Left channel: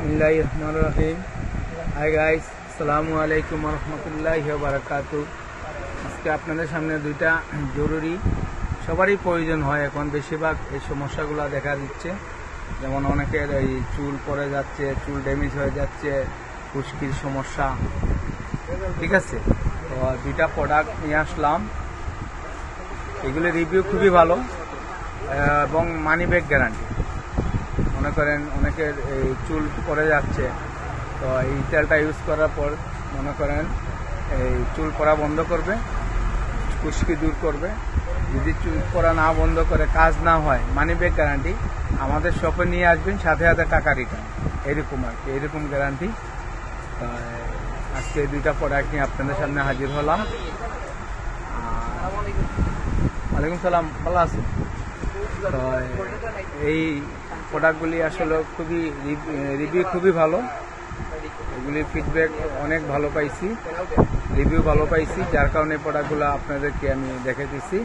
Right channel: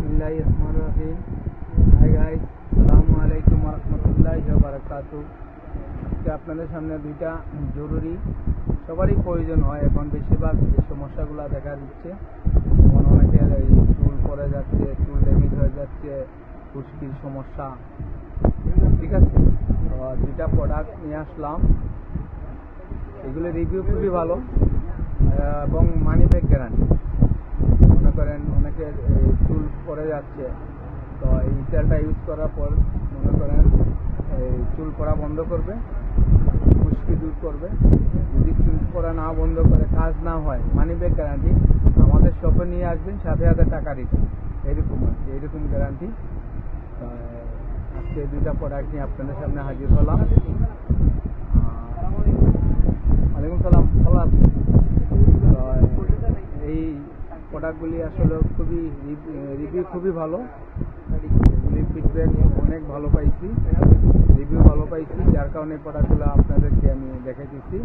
বিসমিল্লাহির রহমানির রহিম। Hi guys, আসসালামু আলাইকুম ওয়া রাহমাতুল্লাহি ওয়া বারাকাতুহু। আজকে আপনাদের সামনে দুইটা জরুরি, সবারই প্রয়োজন হয় এখন, বেশিরভাগ এই সমস্যাগুলো দেখা দিচ্ছে। যেমন অনেকের এই চুল পড়ে যাচ্ছে, চুল ড্যামেজ হয়ে যাচ্ছে, খুশকির সমস্যা। ঠিক আছে, তো দুইটা প্রোডাক্ট নিয়ে আসলাম। এগুলো রিভিউ খুবই ভালো এবং মানি ব্যাক গ্যারান্টি। মনে করেন অনেকের এই চুল পড়ে যাচ্ছে, তো এই তেলটা ইউজ করার পর মনে করেন এই চুল পড়া বন্ধ করবে, খুশকি দূর করবে। যদি চুল পড়া না বন্ধ করে, কাজ না হয়, মানি ব্যাক গ্যারান্টি। আমাদের শপে নিয়ে আসবেন, সাথে সাথে টাকা রিটার্ন, এরকম আর কি, এরকম গ্যারান্টি। আজকে দুইটা প্রোডাক্ট নিয়ে আপনাদের সামনে হাজির হলাম। ওয়ালাইকুম সালাম, ভালো আছেন? এই প্রোডাক্টগুলি আসলে খুবই রিভিউ খুবই ভালো। এগুলির ফিডব্যাক অনেক ভালো পাইছি, রিভিউ ভালো পাইছি, যার কারণে প্রোডাক্টগুলো আপনাদেরকে আমি দেখাইতেছি।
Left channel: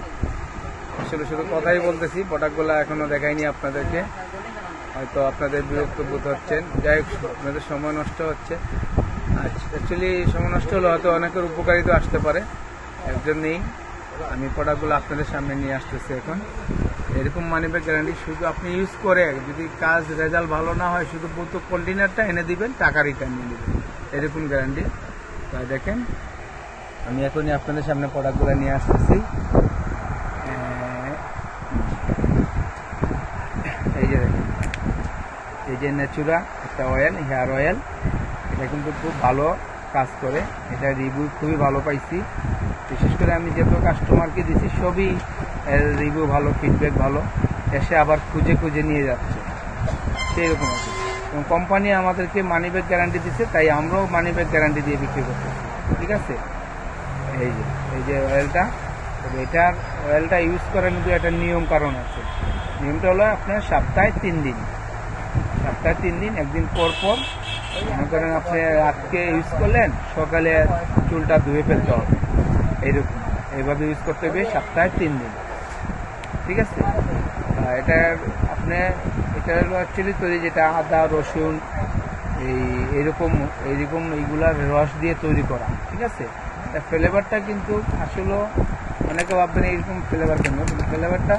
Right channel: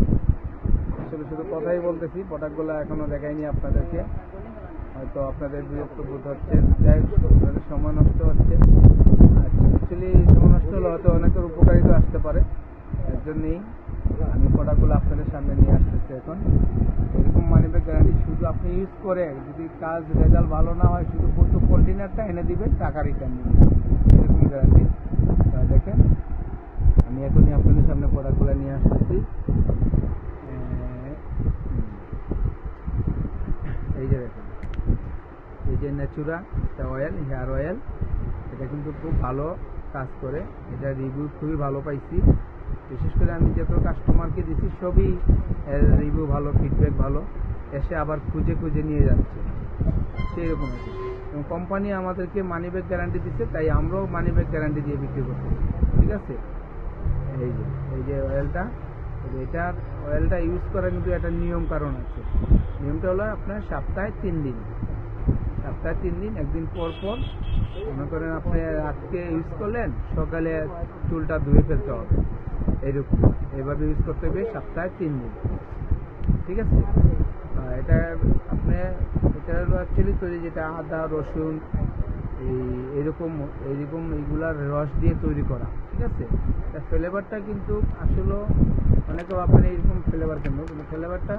আসলে শুধু কথাই বলতেছি, প্রোডাক্টগুলো এখনও দেখাইনি আপনাদেরকে। হয়তো আপনাদের বিরক্ত বোধ হচ্ছেন, যাই হোক, আপনাদের সময় নষ্ট হচ্ছে। আচ্ছা, অ্যাকচুয়ালি সময় নষ্ট হলে হয়তো অনেকের উপকারিতা আসতে পারে, এর জন্যেই আমি প্রোডাক্টগুলো আপনাদের সামনে নিয়ে আসতেছি এখন। এরকম মানি ব্যাক গ্যারান্টি, শুধু আপনি ইউজ করে যদি কাজ রেজাল্ট ভালো না হয়, শুধু প্রথম কন্টেনারটা এনে দিবেন, টাকা রিটার্ন নিয়ে নেবেন, এরকম গ্যারান্টি। তাই দেখেন, আমি এখনই আপনাদের সামনে প্রোডাক্টগুলো নিয়ে আসতেছি। এই যে দেখেন, এই যে ন্যাচুরা একটা অয়েল, হেয়ার অয়েল, এটা কিন্তু খুব ভালো কাজ করে। এটা রিভিউ খুবই ভালো পাইছি। বিশেষ করে আমি যত কাস্টমারকে দিছি সবই রিভিউ ভালো, ফিডব্যাক ভালো, এসে আবার খুঁজে খুঁজে নিয়ে যাচ্ছে, সেই রকম আছে। এবং কোম্পানি আমাদেরকে মানি ব্যাক গ্যারান্টি দিচ্ছে, তাই আমরাও মানি ব্যাক গ্যারান্টি দিয়ে বিক্রি করতে। ঠিক আছে, এই যে অয়েলটা, তবে এটার অয়েলটা ইউজ করার কিন্তু একটা নিয়ম কারণ আছে। নিয়মটা হলো আপনার সপ্তাহে 3 দিন, একদিন পর পর মনে করেন আপনি আজকে ইউজ করলেন, সকালে চুলটা ধুয়ে ফেলতে হবে, এইরকম এইভাবে ইউজ করতে হবে সপ্তাহে 3 দিন। ঠিক আছে, এটা আপনি, এটা হলো অ্যাকচুয়ালি তৈরি, যেটা আদা রসুন এইরকম এইগুলার রস দিয়ে তৈরি করা। ঠিক আছে, ফ্লেভারটা কিন্তু আসলে অনেকে ভাববেন এইরকম ফ্লেভার কেন, কিন্তু ফ্লেভারটা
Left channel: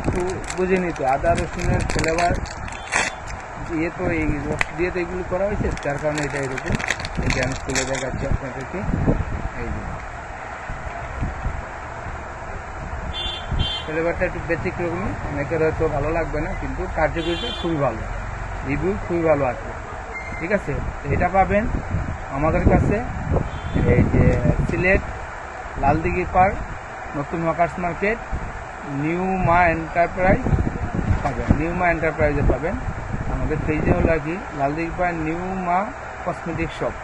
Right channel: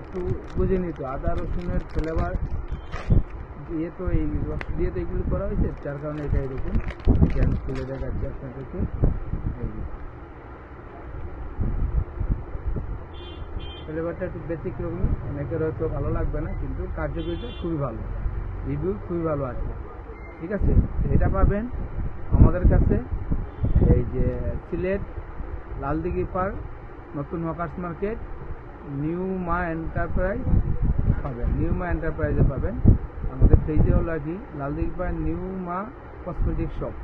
একটু বুঝে নিত। আদা রসুনের ফ্লেভার দিয়ে তো, এই রস দিয়ে তো এগুলো করা হয়েছে, যার কারণে এটা এরকম। এটা আমি খুলে দেখাচ্ছি আপনাদেরকে। এই যে ফ্লেভারটা একটু ব্যতিক্রমী, অনেকের হয়তো ভালো লাগবে না, কিন্তু কার্যকরিতা খুবই ভালো, রিভিউ খুবই ভালো আছে। ঠিক আছে, এটা পাবেন আমাদের কাছে, এই যে সিলেট লালদিঘি পার্ক, নতুন ওয়ার্কার্স মার্কেট, নিউ মা এন্টারপ্রাইজ পাবেন, নিউ মা এন্টারপ্রাইজে পাবেন। আমাদের পেজে হলো আর কি লালদিঘি পার্ক নিউ মা কসমেটিক শপ,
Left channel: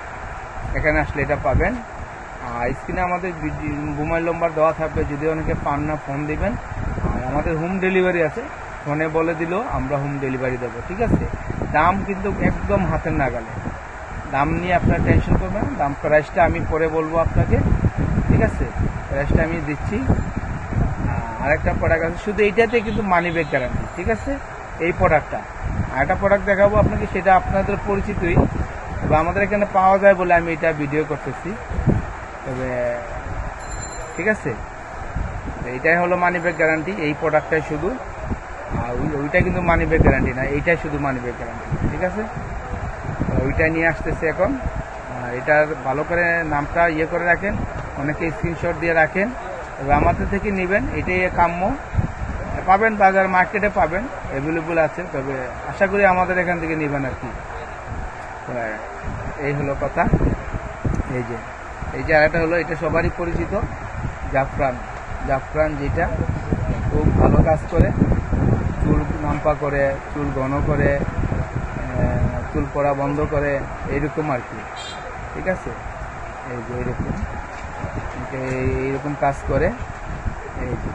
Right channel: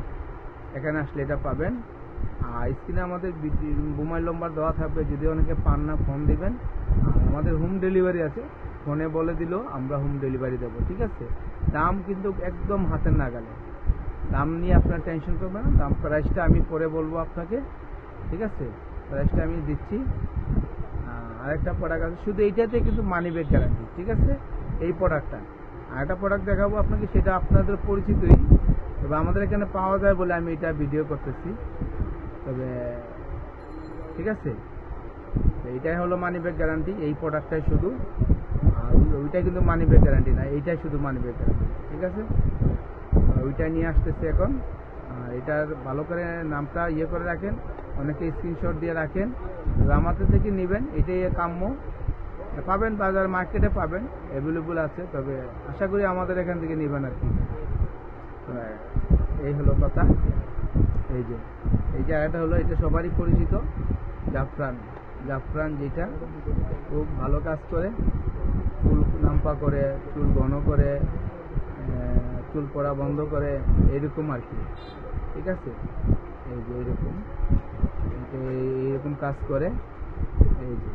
এখানে আসলে এটা পাবেন। আর স্ক্রিনে আমাদের মোবাইল নম্বর দেওয়া থাকবে, যদি অনেকে পান না ফোন দিবেন। আর আমাদের হোম ডেলিভারি আছে, ফোনে বলে দিলেও আমরা হোম ডেলিভারি দেবো। ঠিক আছে, দাম কিন্তু একদম হাতের নাগালে, দাম নিয়ে আপনার টেনশন করবেন না। দাম প্রাইসটা আমি পরে বলবো আপনাকে। ঠিক আছে, প্রাইসটা আমি দিচ্ছি। আরেকটা প্রোডাক্ট আছে, শুধু এইটাতে কিন্তু মানি ব্যাক গ্যারান্টি। ঠিক আছে, এই প্রোডাক্টটা। আরেকটা প্রোডাক্ট দেখাবো আপনাকে, সেটা আপনাদের পরিচিতই, তবে আমাদের এখানে পাওয়া যায় বলে আমি এটা ভিডিও করতেছি। তবে ঠিক আছে, এইটাই হলো মানি ব্যাক গ্যারান্টি, এই প্রোডাক্টটাই শুধু। আর ওইটা কিন্তু মানি ব্যাক গ্যারান্টি না, এইটাই শুধু মানি ব্যাক গ্যারান্টি। ঠিক আছে, ওইটাই নিয়ে আসতেছে এখন। এটার ভালো করে নামটা ইয়ে করে রাখেন, অনেকে স্ক্রিনশট দিয়ে রাখেন, তবে আমাদের থেকে নেবেন, এটাই কাম্য। পাবেন বাজার মার্কেটে পাবেন, অ্যাভেলেবল আছে, তবে আশা করি আমাদের এখান থেকে নেবেন আর কি। এই হলো কথা। এই যে আরেকটা হলো, এটা সবারই পরিচিত, জাফরান, যেটা খুব ভালো কাজ করে, চুল নাম্পা করে, চুল ঘন করে, চুল পড়া বন্ধ করে, এইরকম আর কি। ঠিক আছে, এই যে এইরকম কাজ করে। এই যে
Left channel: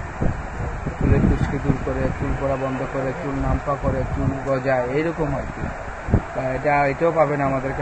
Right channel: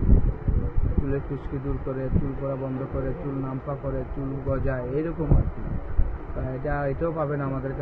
চুলের খুশকি দূর করে, চুল পড়া বন্ধ করে, চুল নাম্পা করে, চুল গজায়, এইরকম আর কি। এটাও পাবেন আমাদের কাছে।